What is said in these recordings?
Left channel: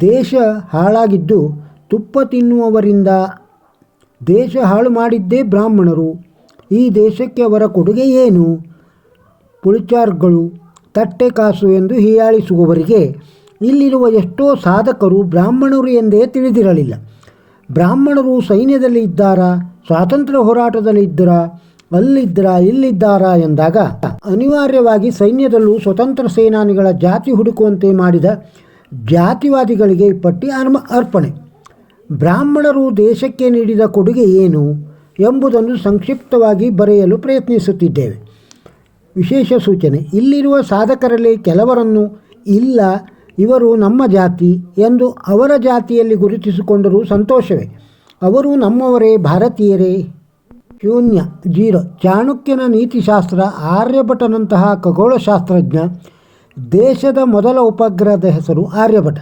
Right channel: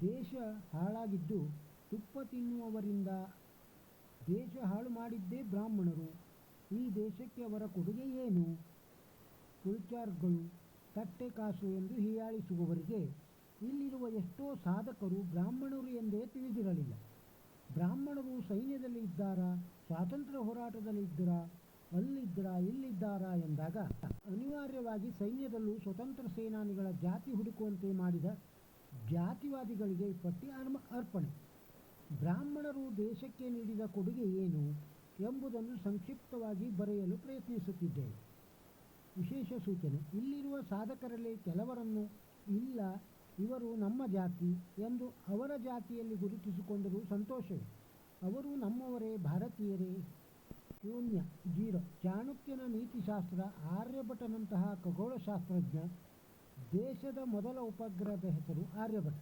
ದೇಶ ಹಾಳಾಗಿದ್ದು ತುಪ್ಪ ತಿನ್ನುವವರಿಂದ ದೇಶ ಹಾಳು ಮಾಡಿದ್ದೇ ಬ್ರಾಹ್ಮಣರು. ಈ ದೇಶಕ್ಕೆ ಅವರ ಕೊಡುಗೆ ಏನು? ಪುಳಿಚಾರ್ಗಳು, ತಟ್ಟೆ ಕಾಸು ಎಂದು ಹೀಯಾಳಿಸುವವರಿಗೆ ಇಲ್ಲಿರುವ ಎಷ್ಟೋ ಸಾಧಕರು ಬ್ರಾಹ್ಮಣರು ಎಂದೇ ತಿಳಿದಿರಲಿಲ್ಲ. ಬ್ರಾಹ್ಮಣರು ಸೈನ್ಯದಲ್ಲಿ ಇದ್ದಾರಾ? ಸ್ವಾತಂತ್ರ್ಯ ಹೋರಾಟದಲ್ಲಿ ಇದ್ದರಾ? ಅಲ್ಲಿದ್ದರಾ? ಇಲ್ಲಿದ್ದಾರಾ? ಎಂದಾಗ ಅನಿವಾರ್ಯವಾಗಿ ಸೈನ್ಯದಲ್ಲೂ ಸ್ವತಂತ್ರ ಸೇನಾನಿಗಳ ಜಾತಿ ಹುಡುಕುವಂತೆ ಮಾಡಿದ ಜಾತಿವಾದಿಗಳಿಗೆ ಪಟ್ಟಿ ಅರ್ಮ ಅರ್ಪಣೆ. ಬ್ರಾಹ್ಮಣರು ದೇಶಕ್ಕೆ ನೀಡಿದ ಕೊಡುಗೆ ಏನು ಎಂಬುದನ್ನು ಸಂಕ್ಷಿಪ್ತವಾಗಿ ಬರೆಯಲು ಪ್ರಯತ್ನಿಸುತ್ತಿದ್ದೇವೆ. ವಿಶೇಷ ಸೂಚನೆ, ಇಲ್ಲಿರುವ ಸಾಧಕರಲ್ಲಿ ಕೆಲವರನ್ನು ಇಲ್ಲ, ಇವರು ನಮ್ಮ ಜಾತಿ ಎಂದು ಅವರ ಜಾತಿಯಲ್ಲಿ ಗುರುತಿಸಿಕೊಂಡರೂ ಸಂತೋಷವೇ. ಅವರು ನಮ್ಮವರೇ, ಭಾರತೀಯರೇ. ಶೂನ್ಯ, ಜೀರೋ, ಚಾಣಕ್ಯನ ನೀತಿಶಾಸ್ತ್ರ, ಆರ್ಯಭಟನಂತಹ ಖಗೋಳಶಾಸ್ತ್ರಜ್ಞ ದೇಶದ ಮೊದಲ ಉಪಗ್ರಹದ ಹೆಸರು ಆರ್ಯಭಟ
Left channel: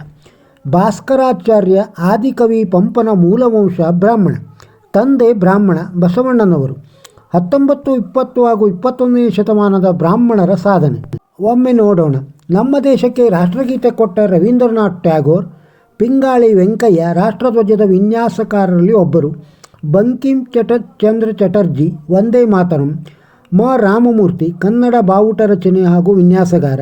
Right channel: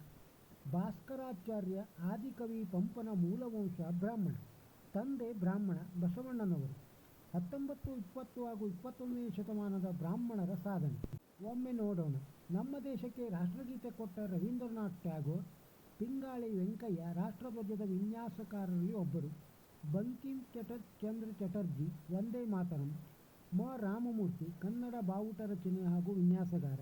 ಭಾಸ್ಕರಾಚಾರ್ಯ ಆದಿಕವಿ ಪಂಪನ ಮೂಲವಂಶ ಬ್ರಾಹ್ಮಣ. ತಂದೆ ಬ್ರಾಹ್ಮಣ ಬಸವಣ್ಣನವರು. ಹತ್ತೊಂಬತ್ತು, ಇಪ್ಪತ್ತು ಹಾಗೂ ಇಪ್ಪತ್ತೊಂದನೇ ಶತಮಾನದ ಬ್ರಾಹ್ಮಣರ ಸಾಧನೆ. ಒಮ್ಮೆ ನೋಡೋಣ. ನಮ್ಮ ದೇಶಕ್ಕೆ ರಾಷ್ಟ್ರಗೀತೆ ಕೊಟ್ಟ ರವೀಂದ್ರನಾಥ್ ಟ್ಯಾಗೋರ್, ಪಿಂಗಾಳಿ ವೆಂಕಯ್ಯ ರಾಷ್ಟ್ರಧ್ವಜದ ವಿನ್ಯಾಸಕಾರರಲ್ಲಿ ಒಬ್ಬರು. ಬಂಕಿಂ ಚಟ ಚಂದ್ರ ಚಟರ್ಜಿ ವಂದೇ ಮಾತರಂ, ಮ. ರಾಮಮೂರ್ತಿ ಕನ್ನಡ ಬಾವುಟ ರಚನೆ ಹಾಗೂ ವಿನ್ಯಾಸಗಾರ.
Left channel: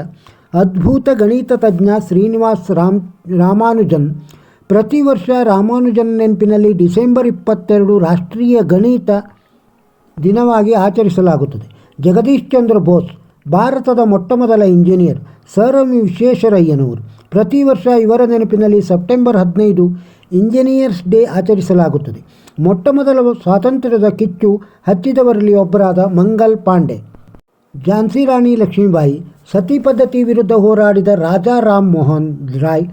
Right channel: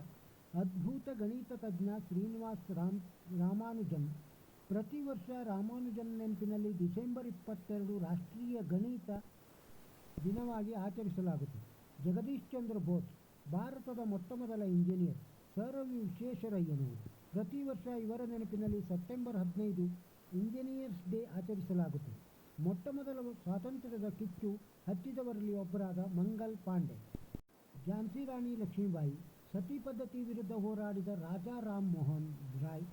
ಅದ್ಭುತ ಗಣಿತ ತಜ್ಞ ಶ್ರೀನಿವಾಸ್ ರಾಮ್, ರಾಮಾನುಜನ್. ಪ್ರತಿ ವರ್ಷ ರಾಮಾನುಜನ್ ನೆನಪಿನಲ್ಲಿ ಡಿಸೆಂಬರ್ ಇಪ್ಪತ್ತೆರಡು ರಾಷ್ಟ್ರೀಯ ಗಣಿತ ದಿನವಾಗಿ ಆಚರಿಸಲಾಗುತ್ತದೆ. ಜಗದೀಶ್ ಚಂದ್ರ ಬೋಸ್, ಭಾರತದ ಮೊಟ್ಟಮೊದಲ ಇಂಜಿನಿಯರ್, ಸರ್ ಎಂ ವಿಶ್ವೇಶ್ವರಯ್ಯನವರು ಪ್ರತಿ ವರ್ಷ ಇವರ ನೆನಪಿನಲ್ಲಿ ಸೆಪ್ಟೆಂಬರ್ ಹದಿನೈದು ಇಂಜಿನಿಯರ್ಸ್ ಡೇ ಆಚರಿಸಲಾಗುತ್ತದೆ. ಮೊಟ್ಟಮೊದಲ ಸ್ವಾತಂತ್ರ್ಯದ ಕಿಚ್ಚು ಹಚ್ಚಿದವರಲ್ಲಿ ಒಬ್ಬರಾದ ಮಂಗಲ್ ಪಾಂಡೆ. ಝಾನ್ಸಿ ರಾಣಿ ಲಕ್ಷ್ಮೀಬಾಯಿ ಸತಿ ಪದ್ಧತಿ ವಿರುದ್ಧ ಹೋರಾಡಿದ ರಾಜಾ ರಾಮ್ ಮೋಹನ್ ರಾಯ್,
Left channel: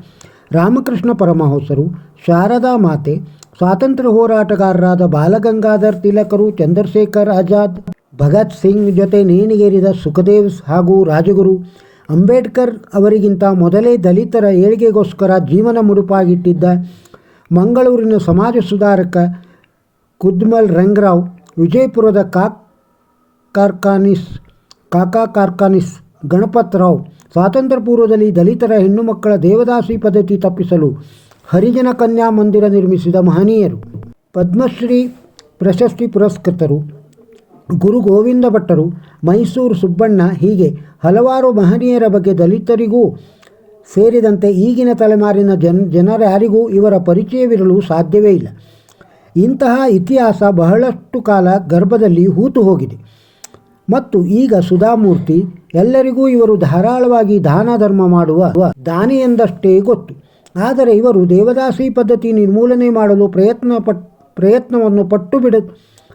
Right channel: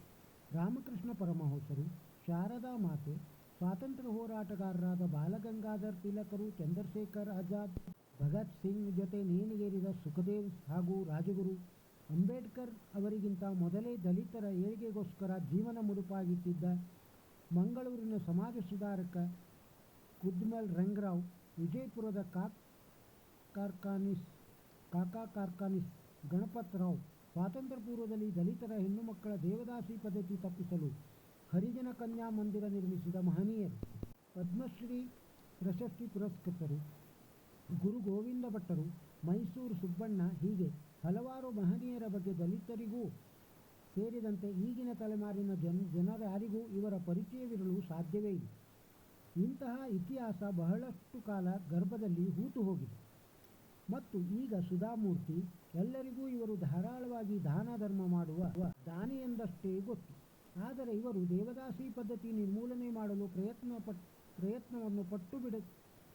ರಾಮಕೃಷ್ಣ ಪರಮಹಂಸರು, ಶಾರದಾ ಮಾತೆ, ಸ್ವಾತಂತ್ರ್ಯ ಹೋರಾಟಗಾರರಾದ ಬಾಲಗಂಗಾಧರ್ ತಿಲಕರು, ಚಂದ್ರಶೇಖರ್ ಆಜಾದ್, ಭಗತ್ ಸಿಂಗ್ ಜೊತೆ ನೇಣಿಗೇರಿದ ಸುಖದೇವ್ ಹಾಗೂ ರಾಜಗುರು ಅಂಬೇಡ್ಕರ್ ಅವರಿಗಿಂತ ಮೊದಲೇ ದಲಿತರ ಏಳಿಗೆಗೋಸ್ಕರ ಜೀವನ ಮುಡುಪಾಗಿಟ್ಟಿದ್ದ ಮಂಗಳೂರಿನ ಸಮಾಜ ಸುಧಾರಕ ಕುದ್ಮಲ್ ರಂಗರಾವ್ ವಿಜಯಪುರದ ಕಾಕ್ ಕಾರ್ಖಾನಿಸ್ ಕಾಕಾ ಕಾರ್ಖಾನಿಸ್ ಗಣಪತ್ ರಾವ್ ಸ್ವಾತಂತ್ರ್ಯ ಪೂರ್ವದಲ್ಲಿ ದಲಿತರ ಹೆಣ್ಣು ಮಕ್ಕಳ ದೇವದಾಸಿ ಪದ್ಧತಿ ತಪ್ಪಿಸಲು ಹರಿಜನ ಕನ್ಯಾ ಮಂದಿರ ನಿರ್ಮಿಸಿದ ಮಹನೀಯರು. ಪದ್ಮಶ್ರೀ ಪ್ರಶಸ್ತಿ ಪುರಸ್ಕೃತರು. ಗುರು ಗೋವಿಂದ ಭಟ್ಟರು. ಮೈಸೂರು ಸುಬ್ಬಣ್ಣ ಹೀಗೆ ಹಲವಾರು ಮಹನೀಯರ ಬಗ್ಗೆ ದಲಿತರಿಗೂ ಸೇರಿದಂತೆ ಈಗಿನ ತಲೆಮಾರಿನ ಜನ ಜನರ್ಯಾರಿಗೂ ಇವರ ಪರಿಚಯವಿರಲು ಸಾಧ್ಯವೇ ಇಲ್ಲ. ಇಂತಹ ಇತಿಹಾಸ ಬಹಳಷ್ಟು ಕಾಲ ಗರ್ಭದಲ್ಲಿ ಹೂತು ಹೋಗಿದೆ. ಮತ್ತು ಈಗ ಸುಧಾಮೂರ್ತಿ, ಎಲ್ಲರಿಗೂ ಇವರು ಧಾರಾಳವಾಗಿ ದಾನ ಧರ್ಮ ಮಾಡುವ ದಾನಿ ಎಂದಷ್ಟೇ ಗೊತ್ತು. ಆದರೆ ಇವರು ದೇವದಾಸಿ ಪದ್ಧತಿ ನಿರ್ಮೂಲನೆ ಮಾಡಲು ಪ್ರಯತ್ನ ಪಟ್, ಪ್ರಯತ್ನವನ್ನು ಪಟ್ಟು ಬಿಡ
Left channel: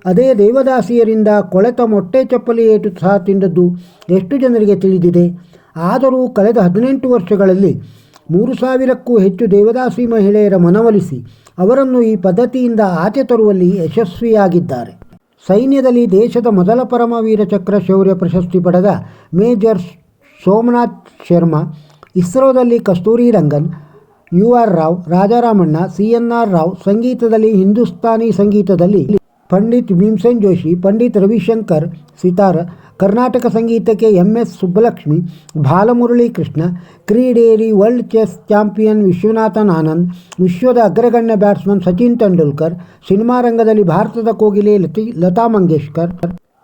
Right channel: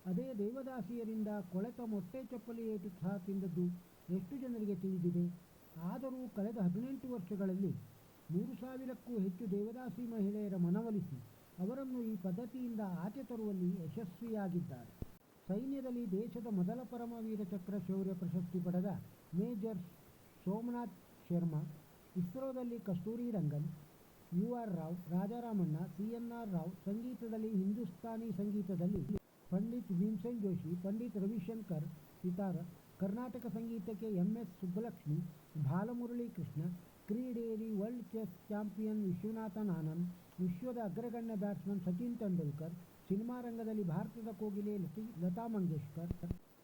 ಅದೇ ದೇವದಾಸಿಯರಿಂದ ಕೊಳೆತ ಮೊಟ್ಟೆ ಚಪ್ಪಲಿ ಏಟು ಸಹ ತಿಂದದ್ದು ಎಷ್ಟು ಜನರಿಗೆ ತಿಳಿದಿದೆ? ಆದರೂ ಕಳೆದ ಹದಿನೆಂಟು ವರ್ಷಗಳಲ್ಲಿ ಮೂರು ಸಾವಿರಕ್ಕೂ ಹೆಚ್ಚು ದೇವದಾಸಿ ಮಹಿಳೆಯರ ಮನವೊಲಿಸಿ ಅವರನ್ನು ಈ ಪದ್ಧತಿಯಿಂದ ಆಚೆ ತರುವಲ್ಲಿ ಯಶಸ್ವಿಯಾಗಿದ್ದಾರೆ. ಸೈನ್ಯದಲ್ಲಿ ದೇಶದ ಮೊದಲ ಪರಮವೀರ ಚಕ್ರ ಶೌರ್ಯ ಪ್ರಶಸ್ತಿ ಪಡೆದ major Somnath Sharma, ಇಸ್ರೋದಲ್ಲಿ Kasturi Rangan, U R Rao, Raja Ramanna, C N R Rao ಸಂಗೀತದಲ್ಲಿ ಹಿಂದೂಸ್ತಾನಿ ಸಂಗೀತದಲ್ಲಿ ಪಂಡಿತ್ ಭೀಮ್ಸೆನ್ ಜೋಶಿ, ಪಂಡಿತ್ ರವಿಶಂಕರ್, ಸಿತಾರ ಕರ್ನಾಟಕ ಸಂಗೀತಕ್ಕೆ ಎಂ ಎಸ್ ಸುಬ್ಬಲಕ್ಷ್ಮಿ, ಬಾಲಮುರಳಿ ಕೃಷ್ಣ ಕ್ರೀಡೆಯಲ್ಲಿ world chess champion Viswanathan Anand, ವಿಶ್ವದ ಅಗ್ರಗಣ್ಯ ಬ್ಯಾಟ್ಸ್ಮನ್ ಸಚಿನ್ ತೆಂಡೂಲ್ಕರ್, ಸಿನಿಮಾ ರಂಗದಲ್ಲಿ ಭಾರತದ ಕೋಗಿಲೆ ಲತಿ, ಲತಾ ಮಂಗೇಶ್ಕರ್,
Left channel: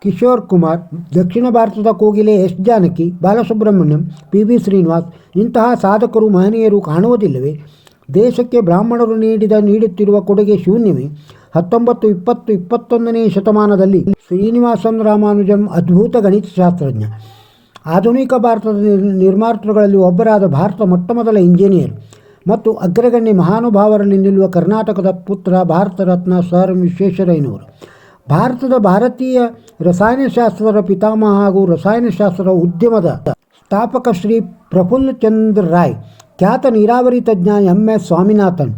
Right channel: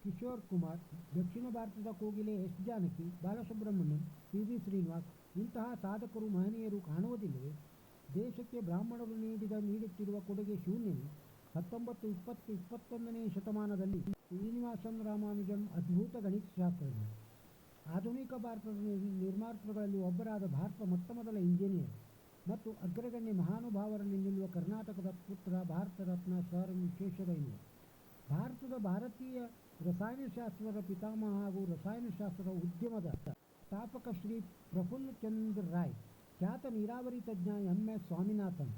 ಕಿಶೋರ್ ಕುಮಾರ್, ದಕ್ಷಿಣ ಭಾರತದ ಕೋಗಿಲೆ S Janaki, Balasubrahmanyam, P V Srinivas ಇಂತಹ ಸಾಧಕರು ಮಹನೀಯರು ಕಾಣುವುದಿಲ್ಲವೇ? ದೇಶಕ್ಕೆ ಬ್ರಾಹ್ಮಣರು ನೀಡಿದ ನೀಡುತ್ತಿರುವ ಕೊಡುಗೆ ಶೂನ್ಯವೇ? ಹತ್ತೊಂಬತ್ತು, ಇಪ್ಪತ್ತು, ಇಪ್ಪತ್ತೊಂದನೇ ಶತಮಾನದಲ್ಲಿ ಶ್ರೀನಿವಾಸನ್ ರಾಮಾನುಜಂ ಅದ್ಭುತ ಗಣಿತಶಾಸ್ತ್ರಜ್ಞ ಆಧುನಿಕ ಭಾರತದ ನಿರ್ ನಿರ್ಮಾತೃಗಳಲ್ಲಿ ಒಬ್ಬರಾದ ಭಾರತ ಮೊಟ್ಟಮೊದಲ ಇಂಜಿನಿಯರ್ ಮತ್ತು ಅಗ್ರಗಣ್ಯ ಮಹಾನುಭಾವರಲ್ಲಿ ನಿಲ್ಲುವ ಕರ್ನಾಟಕದ ಪುತ್ರ ಭಾರತ ರತ್ನ ಸರ್ ವಿಶ್ವೇಶ್ವರಯ್ಯನವರು. ಭಾರತದ ಭಾರತೀಯ ರಸಾಯನಶಾಸ್ತ್ರದ ಪಿತಾಮಹ ಹಾಗೂ ರಸಾಯನಶಾಸ್ತ್ರ ಉದ್ಯಮದ ಸ್ಥಾಪಕ ಶ್ರೀ ಪ್ರಫುಲ್ಲ ಚಂದ್ರ ರಾಯ್, ಖ್ಯಾತ ನೀರಾವರಿ ತಜ್ಞ ಎಂ ಎಸ್ ಸ್ವಾಮಿನಾಥನ್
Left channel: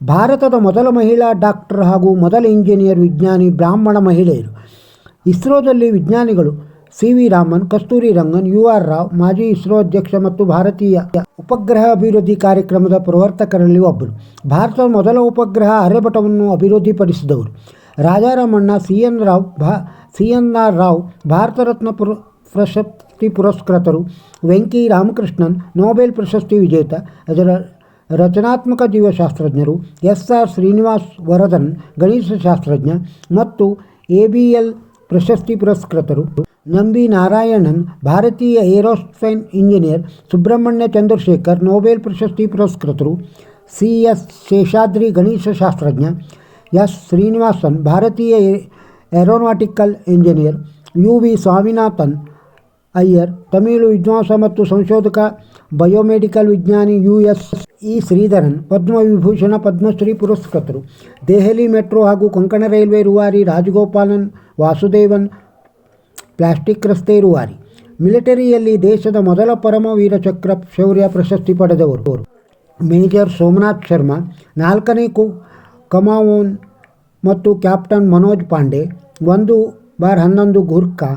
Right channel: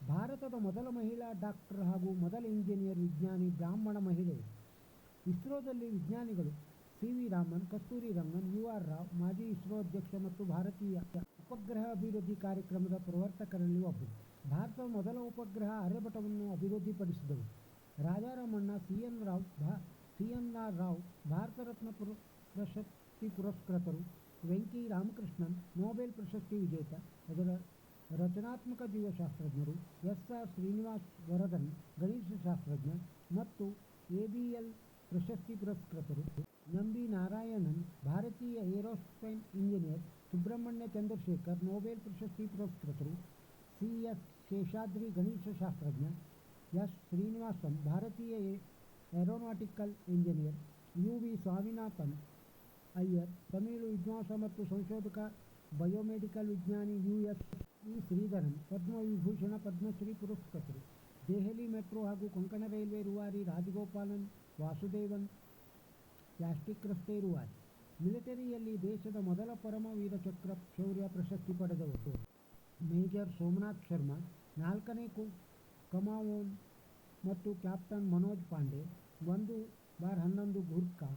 ಭಾರತದ ಮೊದಲ ಮಹಿಳಾ ಡಾಕ್ಟರ್ ಹಾಗೂ ಮೊದಲ ಇಂಜಿನಿಯರ್ ವಿಜ್ಞಾನಿ ಬ್ರಾಹ್ಮಣ ಮಹಿಳೆಯರು. ಇಸ್ರೋದಲ್ಲಿ ವಿಜ್ಞಾನಿಗಳು C V Raman, Kasturi Rangan, U R Rao, ಮಾಜಿ ಇಸ್ರೋ ಅಧ್ಯಕ್ಷ ಮತ್ತು ಭಾರತೀಯ ಉಪಗ್ರಹ ಅಭಿವೃದ್ಧಿ ಕಾರ್ಯಕ್ರಮದ ಪ್ರವರ್ತಕರಲ್ಲಿ ಒಬ್ಬರು. ಭಾರತದ ಮೊದಲ ಉಪಗ್ರಹ ಆರ್ಯಭಟವನ್ನು ಅಭಿವೃದ್ಧಿಪಡಿಸಿದವರು. ರಾಜಾರಾಮಣ್ಣ ಸಿ ಎನ್ ರಾವ್, ಭಾ, C N R Rao, Bharat Ratna ಪುರ, ಪ್ರಶಸ್ತಿ ಪುರಸ್ಕೃತರು ವೆಂಕಿ ರಾಮಕೃಷ್ಣನ್, ನೊಬೆಲ್ ಪ್ರಶಸ್ತಿ ವಿಜೇತ, ಅದರ ರಚನಾತ್ಮಕ ಜೀವಶಾಸ್ತ್ರಜ್ಞರು ಎಸ್ ಆರ್ ಶ್ರೀನಿವಾಸ್ ವರದನ್ ಗಣಿತಶಾಸ್ತ್ರಜ್ಞ ಮತ್ತು ಎ ಬಿ ಎಲ್ ಪ್ರಶಸ್ತಿ ಪುರಸ್ಕೃತರು ನಂಬಿ ನಾರಾಯಣನ್ ಭಾರತೀಯ aerospace engineer Subrahmanya Chandrasekhar Nobel ಪ್ರಶಸ್ತಿ ಪುರಸ್ಕೃತರು ಸಿ ಎಸ್ ಶೇಷಾದ್ರಿ ಗಣಿತಶಾಸ್ತ್ರಜ್ಞ ಎಸ್ ಶ್ರೀನಿವಾಸನ್ ಭಾರತೀಯ aeronautical engineer U V Swaminathan Iyer Tamil ವಿದ್ವಾಂಸ ಮತ್ತು ಸಂಶೋಧಕ ಬಯೋಮೆಡಿಕಲ್ ವಿಜ್ಞಾನಿ U S E Sreedharan Padmavibhushan Padmashri ಪುರಸ್ಕೃತರು. Delhi metro ಹಾಗೂ ಕೊಂಕಣ ರೈಲ್ವೆ ರೂವಾರಿ ರಾಜಗೋಪಾಲನ್ ವಾಸುದೇವನ್ ಪ್ಲಾಸ್ಟಿಕ್ ರಸ್ತೆ ರೂವಾರಿ. ಮಿಲಿಟರಿಯಲ್ಲಿ ದೇಶದ ಮೊದಲ ಪರಮವೀರ ಚಕ್ರ ಶೌರ್ಯ ಪ್ರಶಸ್ತಿ ಪಡೆದವರು. ಮೇಜರ್ ಸೋಮನಾಥ್ ಶರ್ಮಾ, ನಾಲ್ಕನೇ ಕು ಕಮಾವೋನ್ ಮತ್ತು ಕ್ಯಾಪ್ಟನ್ ಮನೋಜ್ ಪಾಂಡೆ, ಒಂದು ಬಾರ್ ಹನ್ನೊಂದು ಗೂರ್ಖಾ,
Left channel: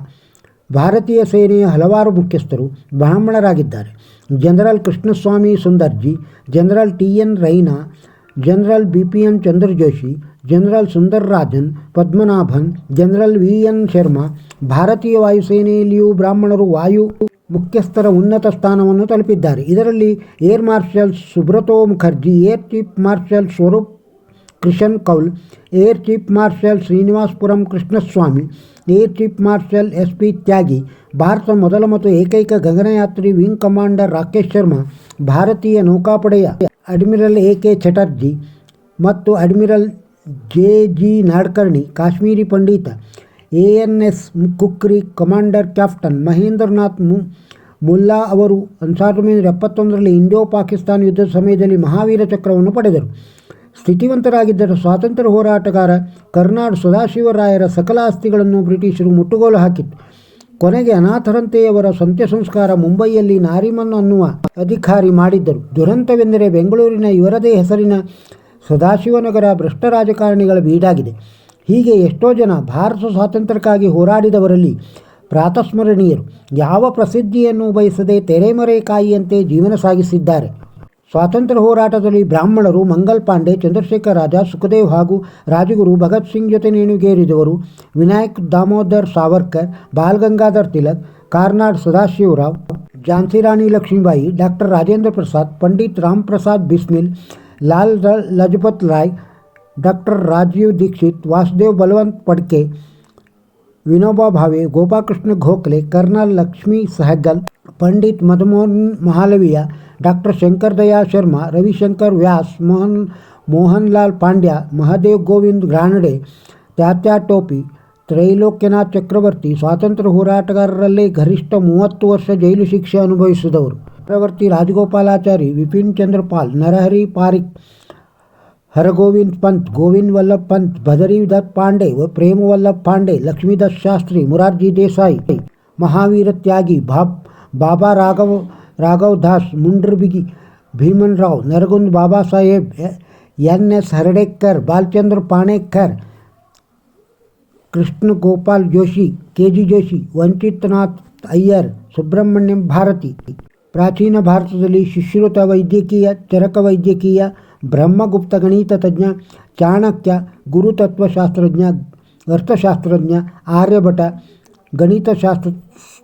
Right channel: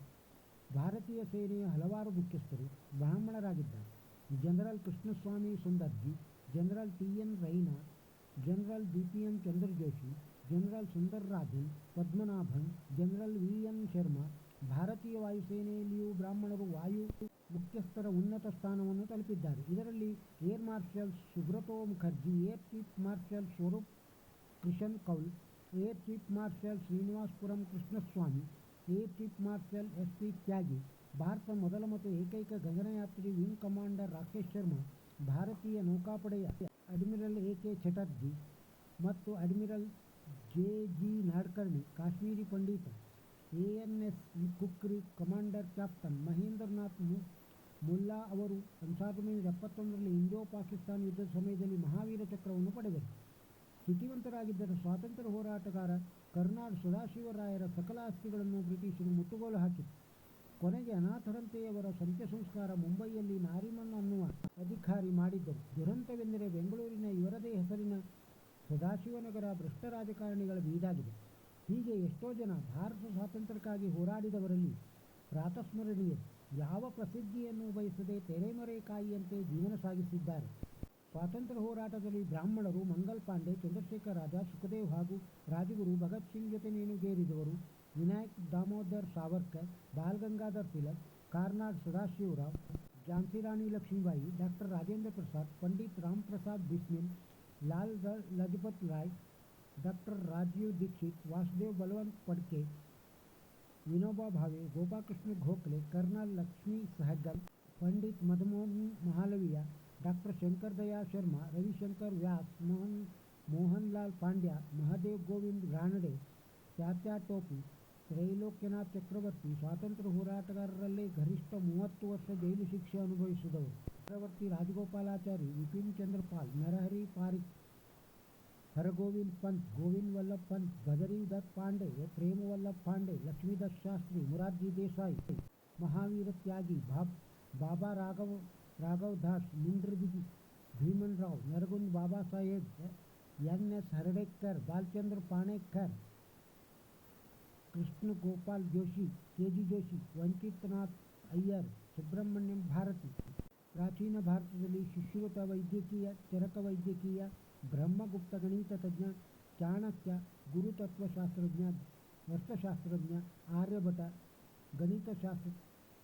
ಭಾರತೀಯ ಸೇನೆಯ ಹಲವಾರು ಮುಖ್ಯಸ್ಥರು, ಬ್ರಾಹ್ಮಣರಾಗಿದ್ದಾರೆ. general Krishnaswamy Sundarji general T N Raina general B P N Chandrajoshi general Sundar Rajan Padmanabhan general V N Sharma ಭಾರತೀಯ ವಾಯುಸೇನೆಯಲ್ಲಿಯೂ ಬ್ರಾಹ್ಮಣರು ವಾಯು ಮುಖ್ಯಸ್ಥರ ಉನ್ನತ ಸ್ಥಾನವನ್ನು ತಲುಪಿದ್ದಾರೆ ಇದರಲ್ಲಿ air marshal Subroto Mukherjee air chief marshal Swaroop Krishan Kaul air chief marshal Srinivasapuram Krishnaswamy air chief marshal S P Tyagi Bharat ಮೊದಲ ಮತ್ತು ಏಕೈಕ ಗಗನಯಾತ್ರಿ ವಿಂಗ್ ಕಮಾಂಡರ್ ರಾಕೇಶ್ ಶರ್ಮಾ, ಭಾರತೀಯ ನೌಕಾಪಡೆಯ ಅಡ್ಮಿರಲ್ ಎ ಕೆ ಚಟರ್ಜಿ ಮತ್ತು admiral J G Nadkarni, Kashmiri Pandit A N S Khukri, commander captain Mahendranath ಮು, ಮುಲ್ಲಾ ಅವರು ಸಾವಿರದ ಒಂಬೈನೂರ ಎಪ್ಪತ್ತೊಂದರಲ್ಲಿ ಇಂಡೋ ಪಾಕಿಸ್ತಾನ ಯುದ್ಧದ ಸಮಯದಲ್ಲಿ ಮಹಾವೀರ ಚಕ್ರವನ್ನು ಪಡೆದರು. ಸ್ಥಿತಿವಂತರಾಗಿದ್ದರ. ಸ್ವಾತಂತ್ರ್ಯ ಹೋರಾಟಗಾರ ಕರ್ನಾಡ್ ಸದಾಶಿವರಾಯರ ಸಕಲ ಆಸ್ತಿಗಳನ್ನು ಬ್ರಿಟಿಷರು ಮುಟ್ಟುಗೋಲು ಹಾಕಿತ್ತು. ಕೊನೆಗೆ ಅನಾಥರಂತೆಯವರ ಸಂತ್ಯ ಸಂಸ್ಕಾರ ಮುಂಬೈಯಲ್ಲಿ ನಾರಿಮನ್ ಅನ್ನುವ ಅಧಿಕಾರಿ ಮಾಡಿದ್ದರು. ದುರಂತವೆಂದರೆ ಬೆಂಗಳೂರಿನ ಇವರದೇ ಹೆಸರಿನ ಸದಾಶಿವನಗರ ಭ್ರಷ್ಟ ರಾಜಕಾರಣಿಗಳ ಬೀಡಾಗಿದೆ. ಹೀಗೆ ಎಷ್ಟೋ ಜನ ಭಾರತ ಸ್ವಾತಂತ್ರ್ಯಕ್ಕಾಗಿ ಹೋರಾಡಿದವರಲ್ಲಿ ಪ್ರಾತಸ್ಮರಣೀಯರು. ಯಾವ ಪ್ರಸಿದ್ಧಿಯನ್ನು ಬಯಸದೆ ತೆರೆಮರೆ ಕಾಯಿಯಂತೆ ಜೀವನ ಸಾಗಿಸಿದ್ದಾರೆ. ಸ್ವಾತಂತ್ರ್ಯ ಹೋರಾಟದಲ್ಲಿ ಬ್ರಾಹ್ಮಣರು ಮಂಗಲ್ ಪಾಂಡೆ ಚಂದ್ರಶೇಖರ್ ರಾಜ, ಸುಖದೇವ್ ಹಾಗೂ ರಾಜಗುರು ಭಗತ್ ಸಿಂಗ್ ಜೊತೆ ನೇಣುಗೇರಿದವರು Vinayak Damodar Savarkar, Bal Gangadhar Tilak, Karnad Sadashivrao Rani Lakshmibai, doctor Rajendra Prasad, Pandit Ram Prasad Bismil, Lala Lajpat Rai, doctor Rajiv Dixit, Vasudev Balwant Phadke, Vinoba Bhave Gopal Krishna Gokhale, colonel Lakshmi Sahgal Pandit ಮದಮೋಹನ್ ಮಹಾಲವಿಯ doctor Shankar ದಯಾ ಶರ್ಮಾ ರವಿಶಂಕರ್ ವ್ಯಾಸ್ ಮೋಹನ್ ಮೋಹನ್ಲಾಲ್ ಪಾಂಡ್ಯ ಮಹಾದೇವ್ ಗೋವಿಂದ್ ಗ್ರಾನಡೆ ತ್ಯಾತ್ಯಾ ಟೋಪಿ ತ್ರೈಲೋಕ್ಯನಾಥ್ ಚಕ್ರವರ್ತಿ ಸ್ವಾತಂತ್ರ್ಯ ಹೋರಾಟಗಾರರಲ್ಲೇ ಗರಿಷ್ಠ ಮೂವತ್ತು ವರ್ಷ ಜೈಲು ಶಿಕ್ಷೆ ಅನುಭವಿಸಿದವರು ಚಕ್ರವರ್ತಿ ರಾಜಗೋಪಾಲಾಚಾರಿ ವಿಪಿನ್ ಚಂದ್ರಪಾಲ್ ನರಹರಿ ಪಾರಿಕ್ ಹರಗೋವಿಂದ್ ಪಂತ್ ಗೋವಿಂದ್ ವಲ್ಲಭ್ ಪಂತ್ ಬದರಿ ದತ್ ಪಾಂಡೆ ವ ಪ್ರೇಮ ವಲ್ಲಭ್ ಪಾಂಡೆ ಲಕ್ಷ್ಮೀದತ್ ಶಾಸ್ತ್ರಿ ಮುರಾರ್ಜಿ ದೇಸಾಯಿ ಮಹಾವೀರ ತ್ಯಾಗಿ Bob Baba Raghav Raghav Das Mundrabigi Bhiman Rao Naragund Baba Saheb N S Hardekar Balachandra Panekar Krishna Gopal Joshi K G Joshi Vanchitnath Iyer Subramaniam Bharati ಪ್ರಾಚೀನ ಭಾರತದಲ್ಲಿ ಸುಶ್ರುತ ವೈದ್ಯಕೀಯ ಚರಕ ವೈದ್ಯಕೀಯ ಬ್ರಹ್ಮಗುಪ್ತ ಗಣಿತ ತಜ್ಞ ಚಾಣಕ್ಯ ಗುರುತತ್ವಶಾಸ್ತ್ರಜ್ಞ ಅರ್ಥಶಾಸ್ತ್ರಜ್ಞ ಆರ್ಯಭಟ ಗಣಿತಶಾಸ್ತ್ರ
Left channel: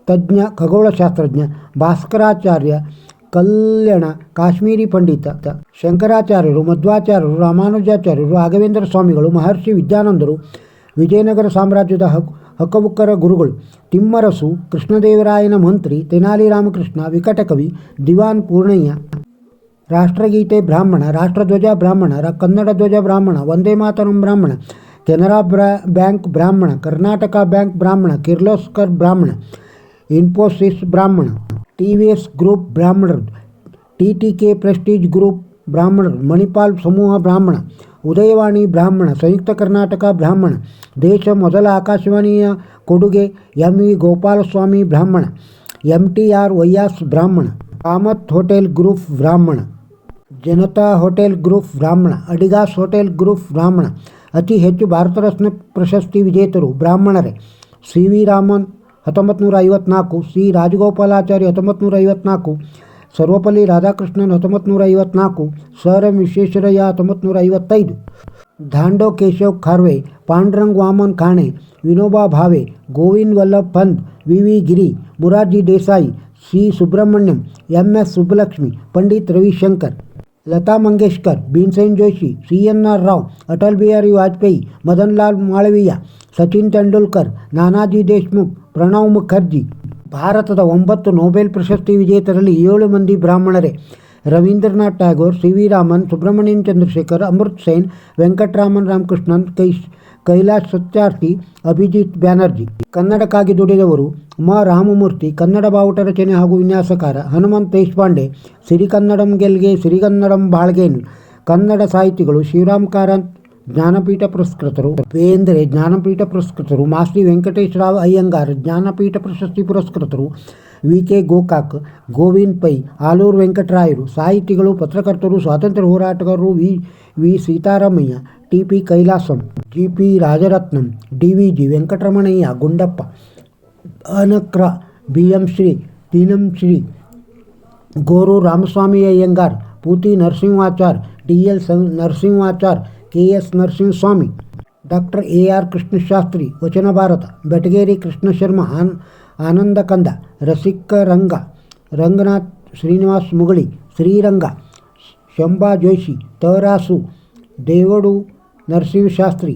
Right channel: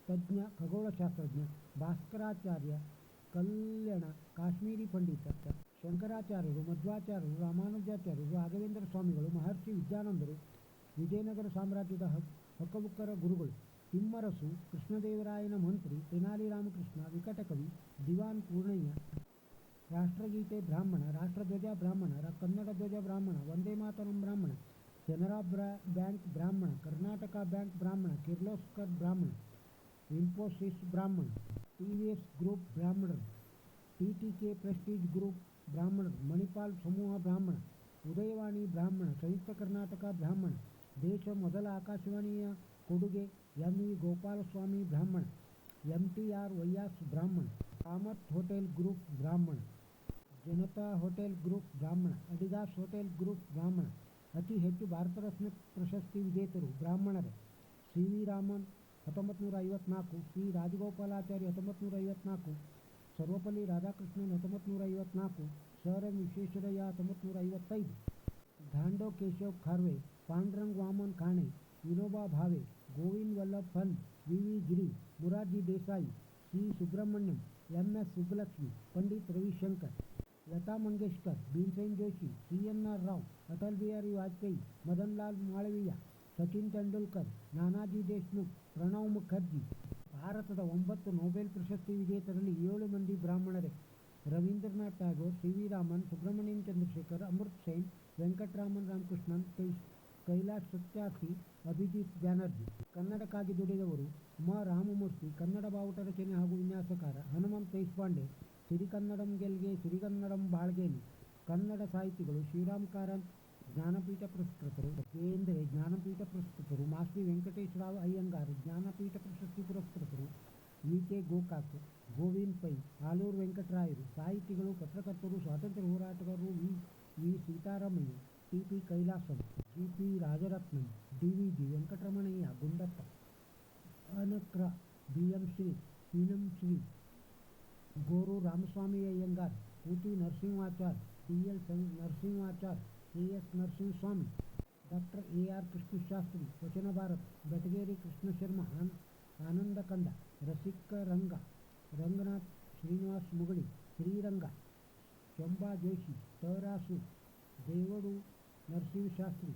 ತಜ್ಞ, ಖಗೋಳಶಾಸ್ತ್ರಜ್ಞ, ಭಾಸ್ಕರಾಚಾರ್ಯ, ಕಲ್ಯಾಣ, ಕಾಶ್ಮೀರಿ ಪಂಡಿತ ಶಂಕರಾಚಾರ್ಯರು, ಮಧ್ವಾಚಾರ್ಯರು, ರಾಮಾನುಜಾಚಾರ್ಯರು, ರಾಘವೇಂದ್ರ ಸ್ವಾಮಿಗಳು, ಮಹರ್ಷಿ ವಿದ್ಯಾನಂದರು, ವಿಜಯನಗರ ಸಾಮ್ರಾಜ್ಯದ ಹಕ್, ಹಕ್ಕಬುಕ್ಕರ ಗುರುಗಳು, ತಿಮ್ಮರಸು, ಕೃಷ್ಣದೇವರಾಯನ ಮಂತ್ರಿ, ತೆನಾಲಿ ರಾಮಕೃಷ್ಣ, ವಿಕಟಕವಿ, ದಿವಾನ್ ಪೂರ್ಣಯ್ಯ. ರಾಷ್ಟ್ರಗೀತೆ ಬ್ರಾಹ್ಮಣ, ರಾಷ್ಟ್ರಧ್ವಜ ಬ್ರಾಹ್ಮಣ ಕನ್ನಡ ಧ್ವಜ ಬ್ರಾಹ್ಮಣ, ವಂದೇ ಮಾತರಂ ಬ್ರಾಹ್ಮಣ, ಕೆನರಾ ಬ್ರಾ, ಬ್ಯಾಂಕ್ ಬ್ರಾಹ್ಮಣ, ಕರ್ನಾಟಕ ಬ್ಯಾಂಕ್ ಬ್ರಾಹ್ಮಣ, ಕಿರ್ಲೋಸ್ಕರ್ ಬ್ರಾಹ್ಮಣ. ಇನ್ಫೋಸಿಸ್ ಬ್ರಾಹ್ಮಣ ಟಿ ವಿ ಎಸ್ ಗ್ರೂಪ್ ಬ್ರಾಹ್ಮಣರು T T K Prestige group ಬ್ರಾಹ್ಮಣರು ಮಣಿಪಾಲ್ ಸಮೂಹ ಬ್ರಾಹ್ಮಣ ಉದಯವಾಣಿ ಬ್ರಾಹ್ಮಣ ಸಂಯುಕ್ತ ಕರ್ನಾಟಕ ಬ್ರಾಹ್ಮಣ ದೇಶ ಮೊದಲ ಆಕಾಶವಾಣಿಯ ಕೊಡುಗೆ ಎಂ ವಿ ಗೋಪಾಲಸ್ವಾಮಿ ಬ್ರಾಹ್ಮಣ ಎಂ ಟಿ ಆರ್ ವೈಯಾಸ್ ಬ್ರಾಹ್ಮಣ ಕಾಮತ್ ಹೋಟೆಲ್ ಗ್ರೂಪ್ ಬ್ರಾಹ್ಮಣ ಜನತಾ ಹೋಟೆಲ್ ಗ್ರೂಪ್ ಬ್ರಾಹ್ಮಣ ಅಡಿಗಾಸ್ ಹೋಟೆಲ್ ಗ್ರೂಪ್ ಬ್ರಾಹ್ಮಣ ಅತಿ ಹೆಚ್ಚು ಭಾರತ ರತ್ನ ಪ್ರಶಸ್ತಿ ವಿಜೇತರು ಬ್ರಾಹ್ಮಣರೇ ಸಿ ವಿ ರಾಮನ್ ಹತ್ತೊಂಬತ್ತು ನೂರ ಐವತ್ನಾಲ್ಕು ಸಿ ರಾಜಗೋಪಾಲಾಚಾರಿ ಹತ್ತೊಂಬತ್ತು ನೂರ ಐವತ್ನಾಲ್ಕು ಸರ್ವಪಲ್ಲಿ ರಾಧಾಕೃಷ್ಣನ್ ಹತ್ತೊಂಬತ್ತು ನೂರ ಐವತ್ನಾಲ್ಕು ಸರ್ ಎಂ ವಿಶ್ವೇಶ್ವರಯ್ಯ ಹತ್ತೊಂಬತ್ತು ನೂರ ಐವತ್ತೈದು Dhondo Keshav Karve Pandurang Vaman Kane Vinoba Bhave Govind Vallabh Pant V V Giri Morarji Desai C Subramaniam M S Subbulakshmi Pandit Ravishankar Lata Mangeshkar Bhimsen Joshi C N R Rao Atal Bihari Vajpayee Madan Lal Malaviya Sachin Tendulkar, Nanaji Deshmukh, Pranab Mukherjee. ಭಾರತದ ಒಂಬತ್ತು Nobel ಪ್ರಶಸ್ತಿ ವಿಜೇತರಲ್ಲಿ ಏಳು ಮಂದಿ ಬ್ರಾಹ್ಮಣರೇ. Rabindranath Tagore C V Raman, Subrahmanyan Chandrasekhar, Amrit Sen, Venkatraman Ramakrishnan ಕೈ ಕೈಲಾಶ್ ಸತ್ಯಾರ್ಥಿ, ಅಭಿಜಿತ್ ಬ್ಯಾನರ್ಜಿ. ಕನ್ನಡಕ್ಕಾಗಿ ದುಡಿದವರು ಮ ರಾಮಮೂರ್ತಿ, ಕನ್ನಡ ಬಾವುಟ ರಚನೆ ಹಾಗೂ ವಿನ್ಯಾಸಕಾರ ಹನುಮಂತ್ ದೇಶಪಾಂಡೆ, ಸಿರಿಕನ್ನಡಂ ಗೆಲ್ಗೆ, ಸಿರಿಗನ್ನಡಂ ಬಾಳ್ಗೇನ್, ಕನ್ನಡ ಸಾಹಿತಿಗಳು ಶಿವರಾಮ್ ಕಾರಂತ್ ಜ್ಞಾನಪೀಠ ಪುರಸ್ಕೃತರು ಬೇಂದ್ರೆ ಜ್ಞಾನಪೀಠ ಪುರಸ್ಕೃತರು ಮಾಸ್ತಿ ವೆಂಕಟೇಶ್ವರಾವ್ ಅಯ್ಯಂಗಾರ್ ಜ್ಞಾನಪೀಠ ಪ್ರಶಸ್ತಿ ಪುರಸ್ಕೃತರು ವಿ ಕೆ ಗೋಕಾಕ್ ಗೋವಿಂದ್ ಪೈ ಆಲೂರು ವೆಂಕಟರಾಯರು ಸಾಹಿತಿಗಳು ಪತ್ರಕರ್ತರು ಸ್ವಾತಂತ್ರ್ಯ ಹೋರಾಟಗಾರರು V V Seetharamaiah T P Kailasam G P Rajaratnam D V G Venkataramanaiah Gundappa Anakru B M Shri Tinam Shri Goru Ramaswamy Iyengar Puti Narasimhachar D L ಸಂ Narasimhachar K S Narasimhaswamy doctor A R Krishnashastri Vachana Bharata Betageri Krishna Sharma on ಆನಂದ ಕಂದ ರಸಿಕ ರಂಗ Ranganath Srinivas Mugali Sriranga Shamba Joshi Tarasu ದೇವಡು Narasimhashastri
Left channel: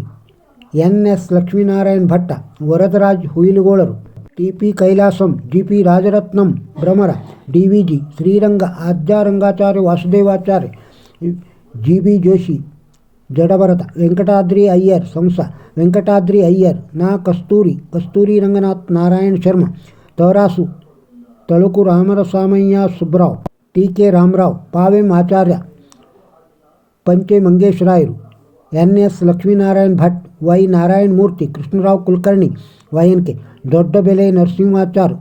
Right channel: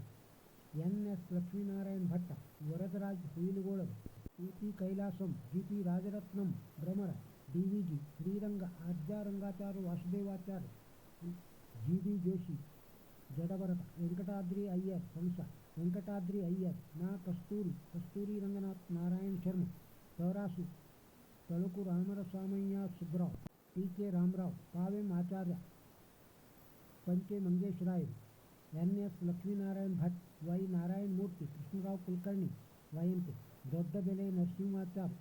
N S Lakshminarayan Bhatta Varadaraj ಹುಯಿಲುಗೋಳರು T P Kailasam G P Rajaratnam Bhramara D V G Sriranga Adyarangacharya Vasudevacharya G B Joshi Jadabharata Venkatadri Iyer ಸಂಸ Venkatadri Iyer ನಾ ಕಸ್ತೂರಿ ಕಸ್ತೂರಿ Ranganath Narayan Sharma ತವರಾಸು ತಳುಕು ರಾಮರಸಾಮಯ್ಯ Subrao T K Ramarao ಪಾವೆಂ ಆಚಾರ್ಯ ಪಂಚೆ ಮಂಗೇಶ್ ರಾಯರು N S Lakshminarayan Bhat Y Narayan Murthy Krishnarao Kulkarni Y N K Doddabele Narasimhachar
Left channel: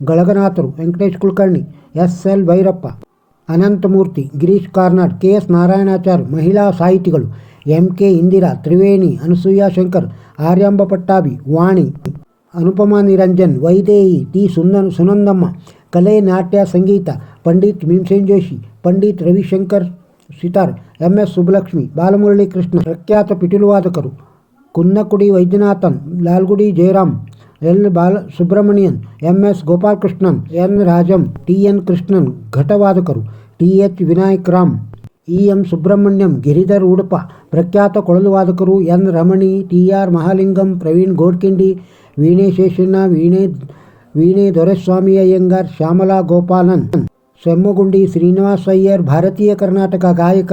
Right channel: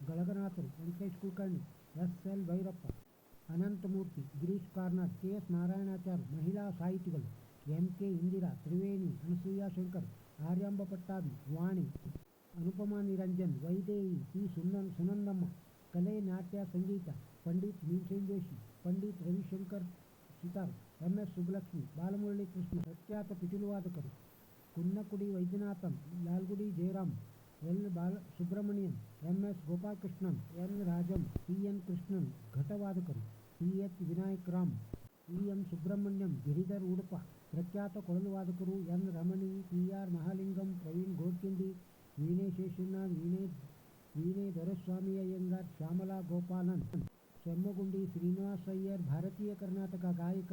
ಗಳಗನಾಥರು Venkatesh Kulkarni S L Bhyrappa Ananthamurthy Girish Karnad K S Narayanachar ಮಹಿಳಾ ಸಾಹಿತಿಗಳು MK Indira Triveni Anasuya Shankar Aryamba Pattabhi Vani Anupama Niranjan Vaidehi T సుందన్ సునందమ్మ కలే నాట్య సంగీత Pandit Bhimsen Joshi Pandit Ravishankar sitar MS Subbulakshmi Balamuralikrishna ప్రఖ్యాత పిటిలువాదకరు Kunnakudi Vaidyanathan Lalgudi Jayaraman L Bala Subrahmanyan MS Gopalakrishnan N Rajam TN Krishnan ఘటవాదకరు T H Vinayak Ram. Krishnan ಘಟವಾದಕರು T H Vinayak Ram E M Subramaniam Giridhar Udupa ಪ್ರಖ್ಯಾತ ಕೊಳಲು ವಾದಕರು N Ramani T R Mahalingam Praveen Godkhindi ವೀಣೆ ಶೇಷಣ್ಣ ವೀಣೆ ವೀಣೆ ದೊರೆಸ್ವಾಮಿ ಅಯ್ಯಂಗಾರ್ ಶ್ಯಾಮಲಾ ಗೋಪಾಲನ್ ಸೆಮ್ಮಗುಂಡಿ ಶ್ರೀನಿವಾಸ್ ಅಯ್ಯರ್ ಭಾರತೀಯ ಕರ್ನಾಟಕ ಗಾಯಕ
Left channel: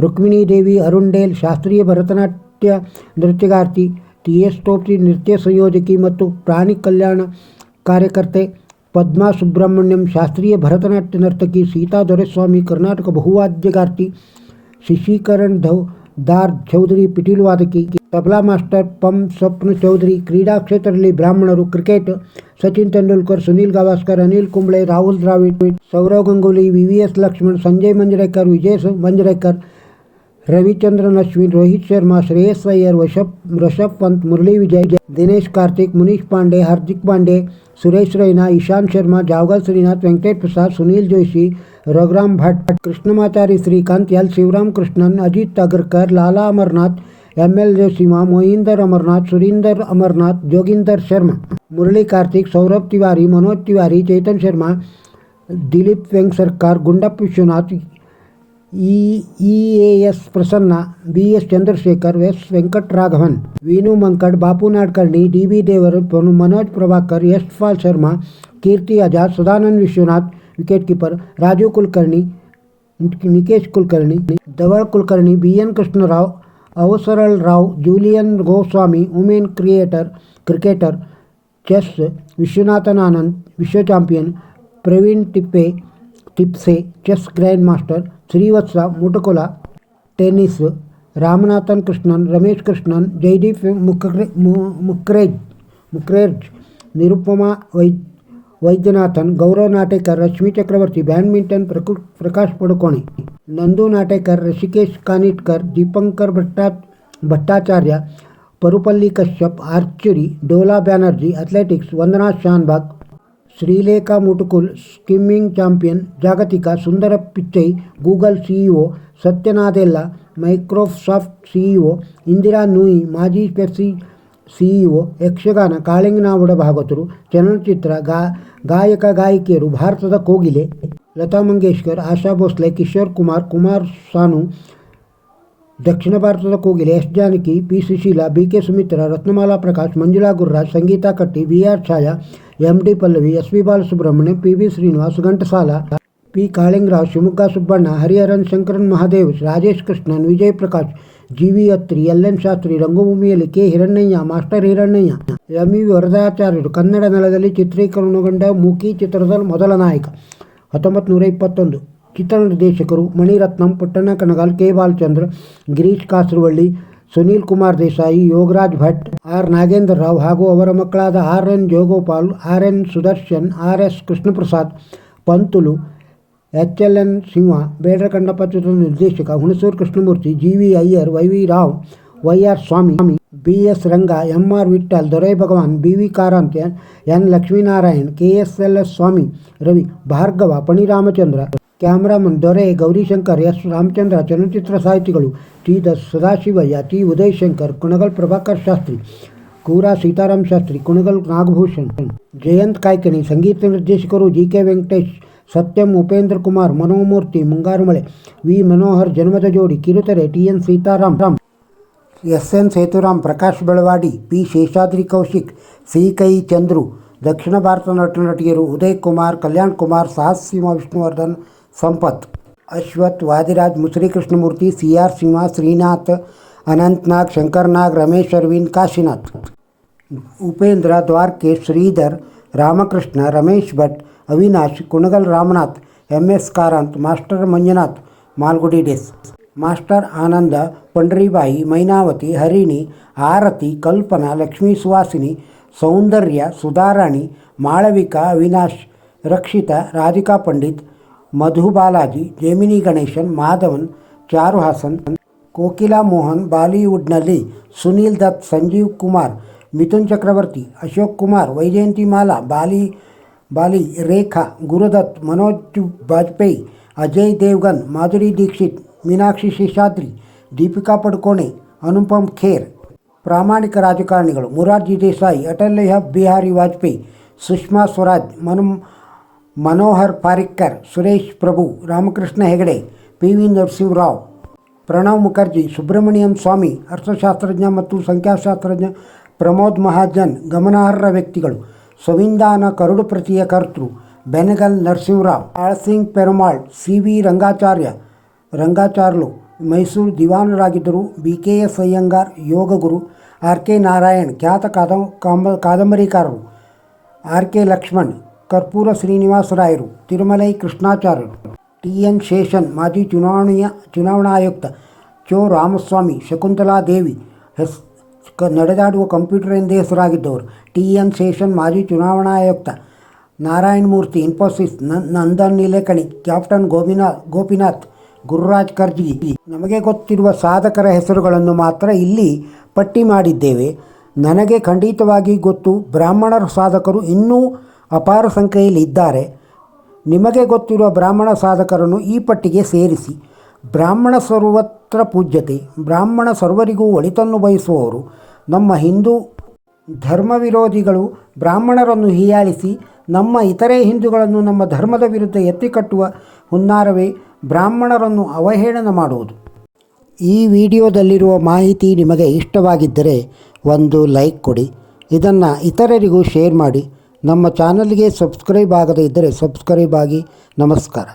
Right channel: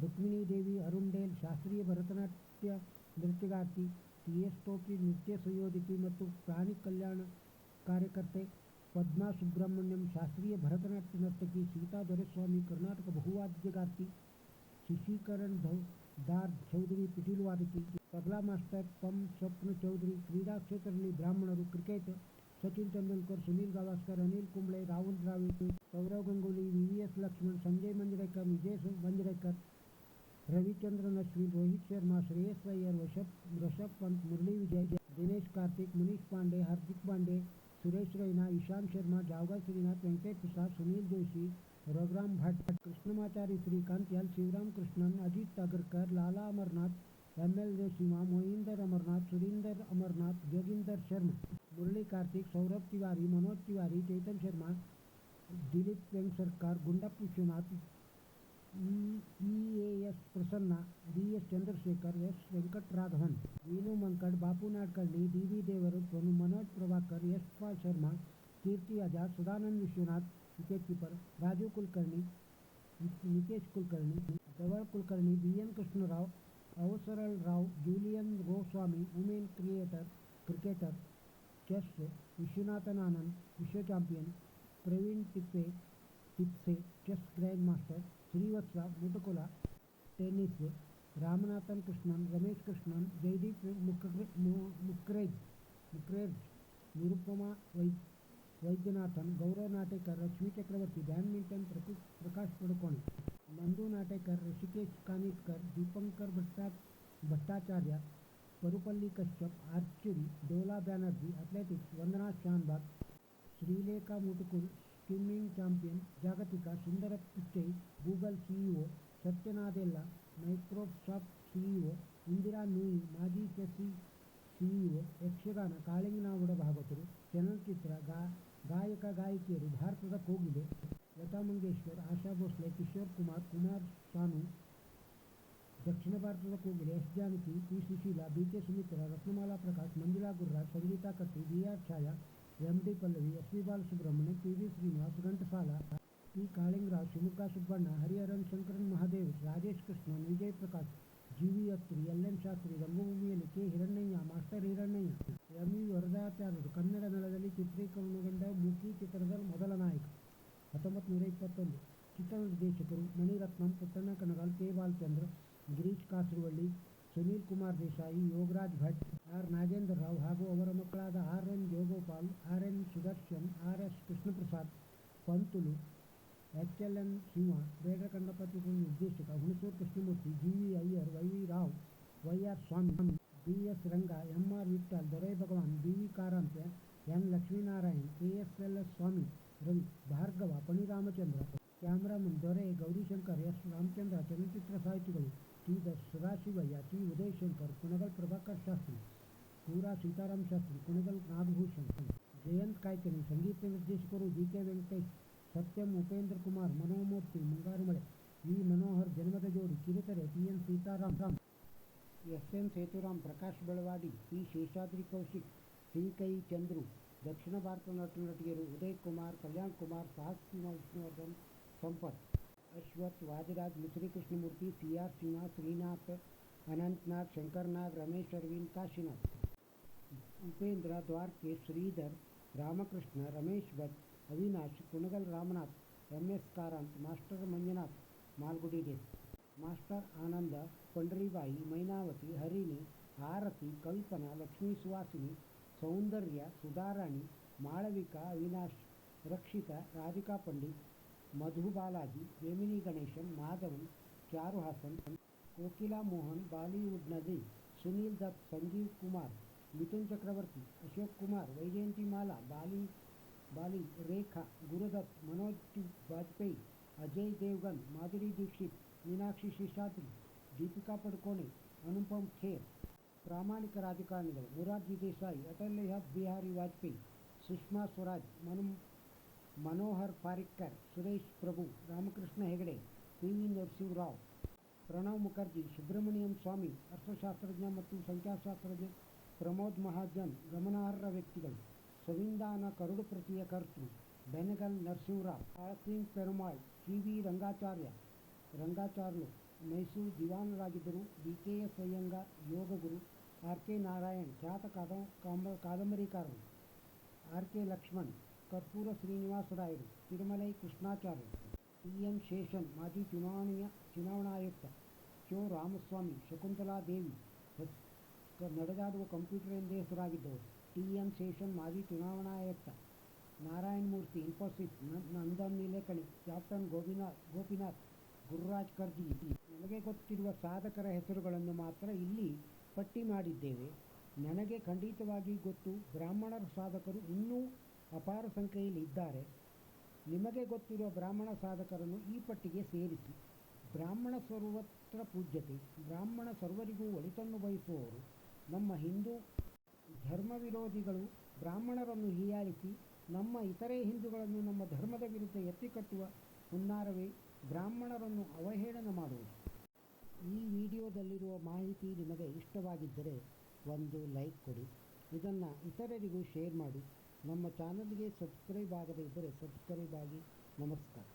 ರುಕ್ಮಿಣಿ ದೇವಿ Arun Dale ಶಾಸ್ತ್ರೀಯ Bharatanatyam ನೃತ್ಯಗಾರ್ತಿ T S ಟೋಪ್ರಿ ನೃತ್ಯ ಸಂಯೋಜಕಿ ಮತ್ತು ಪ್ರಾಣಿ ಕಲ್ಯಾಣ ಕಾರ್ಯಕರ್ತೆ ಪದ್ಮಾ ಸುಬ್ರಹ್ಮಣ್ಯಂ ಶಾಸ್ತ್ರೀಯ ಭರತನಾಟ್ಯ ನರ್ತಕಿ ಸೀತಾ ದೊರೆಸ್ವಾಮಿ ಕರ್ನಾಟಕ ಬಹುವಾದ್ಯಗಾರ್ತಿ ಶಶಿಕರಣ್ ಧೌ ದಾರ್ ಚೌಧರಿ ಪಿಟೀಲು ವಾದಕಿ ತಬಲಾ ಮಾಸ್ಟರ್ ಪಂ ಸ್ವಪ್ನ ಚೌಧರಿ ಕ್ರೀಡಾ ಕ್ಷೇತ್ರದಲ್ಲಿ ಬ್ರಾಹ್ಮಣರು cricket Sachin Tendulkar Sunil Gavaskar Anil Kumble Rahul Dravid Sourav Ganguly V V S Laxman Sanjay Manjrekar Vijay ಸ- Manjrekar Ravichandran Ashwin Rohit Sharma Shreyas Iyer ವಶಪ್ Rishabh Pant Murali Vijay Dinesh Karthik Munish Pandey Hardik Pandey Suresh Raina Ishant Sharma Javagal Srinath Venkatesh Prasad, Sunil Joshi, Raghuram Bhat, Krishnamachari Srikkanth, L. Sivarama Krishnan Ajit Agarkar Lala Amarnath, M. L. Jaisimha, Mohinder Amarnath, Surinder Amarnath, Joginder Sharma, Murali Kartik, Saurabh Tiwary, Manoj Tiwary, Chetan Sharma, Dilip Vengsarkar Gundappa Viswanath EAS Prasanna S Chandrasekhar S Venkataraghavan Vinoo Mankad Bapu Nadkarni DB Deodhar Manoj Prabhakar Yashpal Sharma Kirti Azad Sadanand Viswanath wicketkeeper Raju Kulkarni Nilesh Kulkarni Dhawal Kulkarni B N Krishna Rao Avasarala Rao Julan Goswami women creator cricketer chess Viswanathan Anand विश्व champion Praveen Thipsay cricketer chess Viswanathan Anand ವಿಶ್ವ champion Praveen ಟಿಪ್ಪೆ Thipsay chess grand master Srivatsa Mutukula tennis Ramanathan Krishnan Ramesh Krishnan Jaideep ಮುಕ್ರೆ ಮು- ಮುಕ್ರೇಜ್ ಮುಕ್ರೇಜ್ Nirupama Y Vaidyanathan Gaurav Natekar Rashmi ಚಕ್ರವರ್ತಿ badminton ಪ್ರಕು Prakash Padukone ನಂದು Natekar Rishikesh Kanitkar Dipankar ಭಟ್ಟಾ Bhattacharya Parupalli Kashyap archery Dhola Banerjee athletics ವಂದನಾ ಶಾನ್ಬಾಗ್ ಶ್ರೀಲೇಖಾ ಮುಟುಕುಲ್ swimming champion ಜಾಗತಿಕ Sundar Pichai Google CEO Satya Nadella Microsoft CEO Indira Nooyi ಮಾಜಿ Pepsi CEO Yakshagana ಕಾಳಿಂಗನಾವುಡ ಭಾಗವತರು ಚಲನಚಿತ್ರ ಗಾ ಗಾಯಕ ಗಾಯಕಿಯರು ಭಾರತದ ಕೋಗಿಲೆ ಲತಾ ಮಂಗೇಶ್ಕರ್ ಆಶಾ ಭೋಸ್ಲೆ ಕಿಶೋರ್ ಕುಮಾರ್ ಕುಮಾರ್ ಸಾನು ದಕ್ಷಿಣ ಭಾರತದ ಕೋಗಿಲೆ S Janaki P Susheela B K Sumitra Ratnamala Prakash Manjula Gururaj Sangeeta Katti B R ಛಾಯಾ M D Pallavi S V Balasubrahmanya P V Srinivas, Ghantasala, P. Kalinga Rao Shivamogga Subbanna, Hariharan Shankaran Mahadev, Rajesh Krishnan, Vijay Prakash G V Atri L N Shastri, ರಂಗಭೂಮಿಯಲ್ಲಿ K. Hirannaiah, master Hirannaiah M V ವರದಾಚಾರ್ಯರು, Kannada ನೆಲದಲ್ಲಿ ಚಿತ್ರೀಕರಣಗೊಂಡ ಮೂಕಿ ಚಿತ್ರದ ಮೊದಲ ನಾಯಕ. ಹತ್ತೊಂಬತ್ತು ನೂರ ಇಪ್ಪತ್ತೊಂದು. ಚಿತ್ರ ನಿರ್ದೇಶಕರು Mani Ratnam Puttanna Kanagal K. Balachander, Girish Kasaravalli Sunil Kumar Desai Yogaraj Bhat R Nagendra Rao ಹಾಗೂ ಅವರ ಮಕ್ಕಳಾದ R N Jayagopal R N Sudarshan R S Krishnaprasad Pantulu H L N Simha Bedara Kannappa ಚಿತ್ರದ ನಿರ್ದೇಶಕ Hunsur Krishnamurthy G V Iyer Y V Rao Y R Swamy B S Ranga M R Vittal Dorai Bhagwan B V Karanth N N Lakshminarayan K S L S Swamy Ravi Bhargava Phani Ramachandra cameraman ದೊರೆ Gowrishankar S Ramachandra ಚಲನಚಿತ್ರ ಸಾಹಿತಿಗಳು T the Sadashivaiah T Udayashankar Kunigal Prabhakar Shastri ಕೂರಾ Seetharam Shastri Kunigal Nagabhushan Jayant Kaikini ಸಂಗೀತ ನಿರ್ದೇಶಕರು G K Venkatesh Satyam Upendra Kumar Manomurthy Mungarumale V Manohar Janmada Jodi ಕಿರುತೆರೆ T N Seetharam Ram S N Sethuram Prakash Belawadi P Sheshadri Kaushik C ಕೈ ಚಂದ್ರು ದಕ್ಷಿಣ ಭಾರತ ನಟ ನಟಿಯರು ಉದಯ್ ಕುಮಾರ್ ಕಲ್ಯಾಣ್ ಕುಮಾರ್ ಸಾಹಸ್ ಸಿಂಹ Vishnuvardhan Sampath. Ashwath Vadiraj Musuri Krishnamurthy C R Simha Srinath Anantnag Shankarnag Ramesh Aravind Kashinath. Upendra Dwarakish Sridhar Ramakrishna Ramesh Bhat Avinash Kunigal Ramanath M S Karanth master Manjunath Malgudi days. Master Anand Pandharibai Mynavathi Harini Arathi Kalpana Lakshmi Suvasini Soundarya Sudharani Malavika Avinash Rakshita Radhika पंडित ಮಧು ಬಾಲಾಜಿ ಜೇಮಿನಿ ಗಣೇಶನ್ ಮಾಧವನ್ ಚಾರು ಹಾಸನ್ ಕೋಕಿಲಾ ಮೋಹನ್ ಬಾಲಿವುಡ್ನಲ್ಲಿ ಸುನೀಲ್ ದತ್ ಸಂಜೀವ್ ಕುಮಾರ್ ಮಿಥುನ್ ಚಕ್ರವರ್ತಿ ಅಶೋಕ್ ಕುಮಾರ್ ವೈಜಯಂತಿ ಮಾಲಾ ಬಾಲಿ ಬಾಲಿ ರೇಖಾ ಗುರುದತ್ ಮನೋಜ್ ಬಾಜ್ಪೇಯಿ ಅಜಯ್ ದೇವ್ಗನ್ ಮಾಧುರಿ ದೀಕ್ಷಿತ್ ಮೀನಾಕ್ಷಿ ಶೇಷಾದ್ರಿ ದೀಪಿಕಾ ಪಡುಕೋಣೆ ಅನುಪಮ್ ಖೇರ್ ಪ್ರಾಮಾಣಿಕ ರಾಜಕಾರಣಿಗಳು ಮುರಾರ್ಜಿ ದೇಸಾಯಿ ಅಟಲ್ ಬಿಹಾರಿ ವಾಜಪೇಯಿ ಸುಷ್ಮಾ ಸ್ವರಾಜ್ ಮನು Manohar Parrikar, Suresh Prabhu, Ramakrishna Hegde, P V Narasimha Rao, Pranab Mukherjee, Subramanian Swamy, ಅರ್ಥಶಾಸ್ತ್ರಜ್ಞ ಮತ್ತು ಸಂಖ್ಯಾಶಾಸ್ತ್ರಜ್ಞ ಪ್ರಮೋದ್ ಮಹಾಜನ್ ಗಮನಾರ್ಹ ವ್ಯಕ್ತಿಗಳು. ಸವಿಂದಾನ ಕರುಡು ಪ್ರತಿಯ ಕರ್ತೃ, ಬೆನಗಲ್ ನರಸಿಂಹರಾವ್ ಆಳ್ಸಿಂಗ್ ಪೆರುಮಾಳ್, ಸಿ ವಿ ರಂಗಾಚಾರ್ಯ, ರಂಗಾಚಾರ್ಲು, ಮೈಸೂರು ದಿವಾನರಾಗಿದ್ದರು. ಬಿ ಕೆ ಎಸ್ ಅಯ್ಯಂಗಾರ್ ಯೋಗಗುರು ಆರ್ ಕೆ ನಾರಾಯಣ್, ಖ್ಯಾತ ಕಾದಂ ಕಾಂಬ ಕಾದಂಬರಿಕಾರರು, ಆರ್ ಕೆ ಲಕ್ಷ್ಮಣ್ ಕರ್ಪೂರ ಶ್ರೀನಿವಾಸರಾಯರು, ತಿರುಮಲೈ ಕೃಷ್ಣಾಚಾರ್ಯರು ಟಿ ಎನ್ ಶೇಷನ್, ಮಾಜಿ ಚುನಾವಣೆಯ ಚುನಾವಣಾ ಆಯುಕ್ತ ಚೋ. ರಾಮಸ್ವಾಮಿ, ಶಕುಂತಲಾ ದೇವಿ ಹೆಸ್ ಕ. ನಡೆದಾಡುವ ಕಂಪ್ಯೂಟರ್ ಎಂದೇ ಹೆಸರಾಗಿದ್ದವರು ಟಿ ಎನ್ ಶೇಷನ್, ಮಾಜಿ ಚುನಾವಣಾ ಆಯುಕ್ತ ನಾರಾಯಣ ಮೂರ್ತಿ ಇನ್ಫೋಸಿಸ್ ನಂದನ್ ನೀಲೇಕಣಿ ಕ್ಯಾಪ್ಟನ್ ಗೋಪಿನಾಥ್ ಗೋಪಿನಾಥ್, ಗುರುರಾಜ್ ಖರ್ಜಿ ನಮಗೆ ಗೊತ್ತಿರುವ ಸಾಧಕರ ಹೆಸರುಗಳನ್ನು ಮಾತ್ರ ಇಲ್ಲಿ ಪಟ್ಟಿ ಮಾಡಿದ್ದೇವೆ. ನನಗೆ ಖಂಡಿತವಾಗಿ ಗೊತ್ತು, ಬ್ರಾಹ್ಮಣರ ಸಾಧಕರು ಇನ್ನೂ ಅಪಾರ ಸಂಖ್ಯೆಯಲ್ಲಿ ಇದ್ದಾರೆ. ನಿಮಗೆ ಗೊತ್ತಿರುವ ಬ್ರಾಹ್ಮಣ ಸಾಧಕರನ್ನು ಈ ಪಟ್ಟಿಗೆ ಸೇರಿಸಿ. ಬ್ರಾಹ್ಮಣ ಸರ್ವತ್ರ ಪೂಜ್ಯತೆ. ಬ್ರಾಹ್ಮಣ ಸರ್ವರಿಗೂ ಒಳಿತನ್ನು ಬಯಸುವವರು. ನಮ್ಮ ಹಿಂದೂ ಧರ್ಮ ವಿರೋಧಿಗಳು ಬ್ರಾಹ್ಮಣರನ್ನು ಹೀಯಾಳಿಸಿ, ನಮ್ಮ ಇತರೆ ಹಿಂದೂಗಳನ್ನು ನಮ್ಮ ಧರ್ಮದ ವಿರುದ್ಧ ಎತ್ತಿಕಟ್ಟುವ ಹುನ್ನಾರವೇ ಬ್ರಾಹ್ಮಣರನ್ನು ಅವಹೇಳನ ಮಾಡುವುದು. ಈ ವಿಡಿಯೋದಲ್ಲಿರುವ ಮಾಹಿತಿ ನಿಮಗೆ ಇಷ್ಟವಾಗಿದ್ದರೆ ಒಂದು ಲೈಕ್ ಕೊಡಿ. ಇದನ್ನು ಇತರರಿಗೂ ಶೇರ್ ಮಾಡಿ. ನಮ್ಮ ಚಾನಲ್ಗೆ ಸಬ್ಸ್ಕ್ರೈಬ್ ಆಗದೇ ಇದ್ದರೆ ಸಬ್ಸ್ಕ್ರೈಬ್ ಆಗಿ ನಮಸ್ಕಾರ.